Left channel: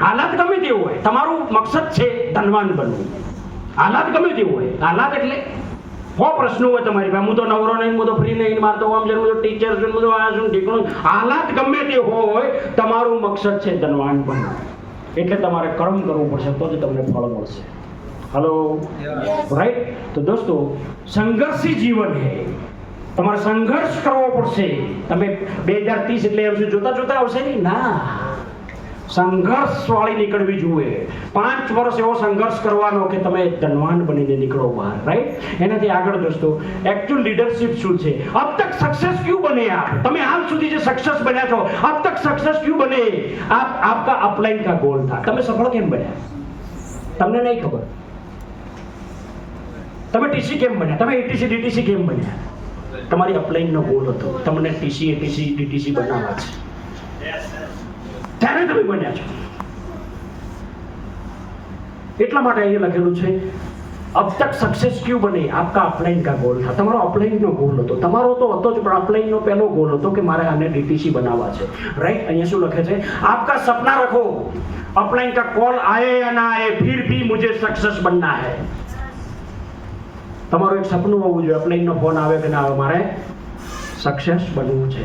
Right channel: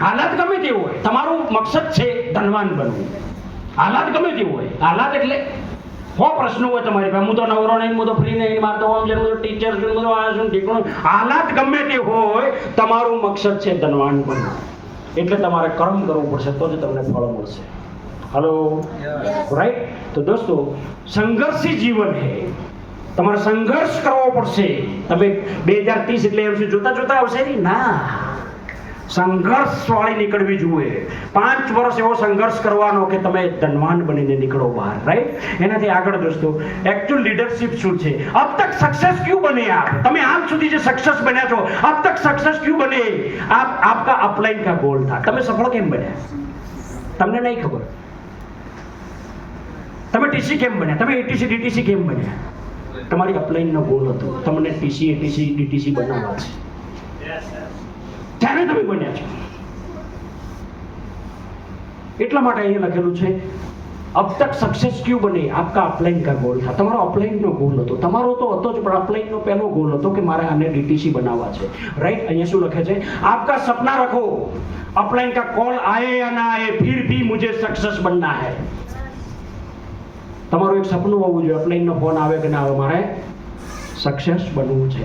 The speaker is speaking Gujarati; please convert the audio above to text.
હાલત ગમે તેવું હોય, તમારું મકસદ છે ધનવાન બનવું. હાલત ગમે તેવું હોય, હાલત એટલે હો પ્રશ્નો હોય તમારી પાસે, હું તો નવરો નહીં, હું તો ફ્રી નહીં, મારે તો આમ છે, હું તો ટીચર છું, હું તો આ છું, ઠીકણું. હાલત ગમે તે હોય, તમારું મકસદ છે ધનવાન બનવું. એટલે તમારે કર્મ કરવું પડશે, તો જ તમને ફળ મળશે. Hello, right? તો દોસ્તો, સંઘર્ષી જીવન છે. તમારે સંઘર્ષ કરવો પડશે. તમે 2030 એટલે એમ જોતા આવશે નહીં ના, સંઘર્ષ વાળી નીકળવી જોઈએ. 5 વર્ષ એવો સંઘર્ષ કરવાનો કે તમે ધનવાન બનીને નીકળો બહાર, રાઈટ? એનાથી આગળ દોસ્તો, एक्चुअल लीडरशिप શું છે? अब तक सक्सेस क्यों बने आप? તમે આજ સુધી જે સક્સેસ બન્યા છો, अब तक सक्सेस क्यों बने आप? आपका अपलाइन का गोल था. તમે સફળ કેમ બન્યા? તમને નહીં ખબર. તમે ટીસી કેમ બન્યા? તમે એટીસી ડીટીસી કેમ બન્યા? તમારી અપલાઇન નો ગોલ હતો, તમને ટીસી એટીસી ડીટીસી બનાવવા છે, ત્યારે તમે બન્યા છો. એટલા માટે અહીંયા લખેલું છે अब तक सक्सेस क्यों बने? आपका अपलाइन का गोल था. તમારો અપલાઇન નો ગોલ હતો. તમારો તો હતો જ, પણ અપલાઇન નો પહેલો ગોલ હતો કે મારે આને ડીટીસી બનાવવા છે, રાઈટ? અહીંયા શું લખે છે? आपका सपना रखो, अपलाइन का कॉल आए या ना आए, फिर भी मुझे सक्सेस बनना है. તમારું એક સપનું હોવું જોઈએ, અપલાઇન નો ફોન આવે કે ના આવે, મારે સક્સેસ બનવું છે.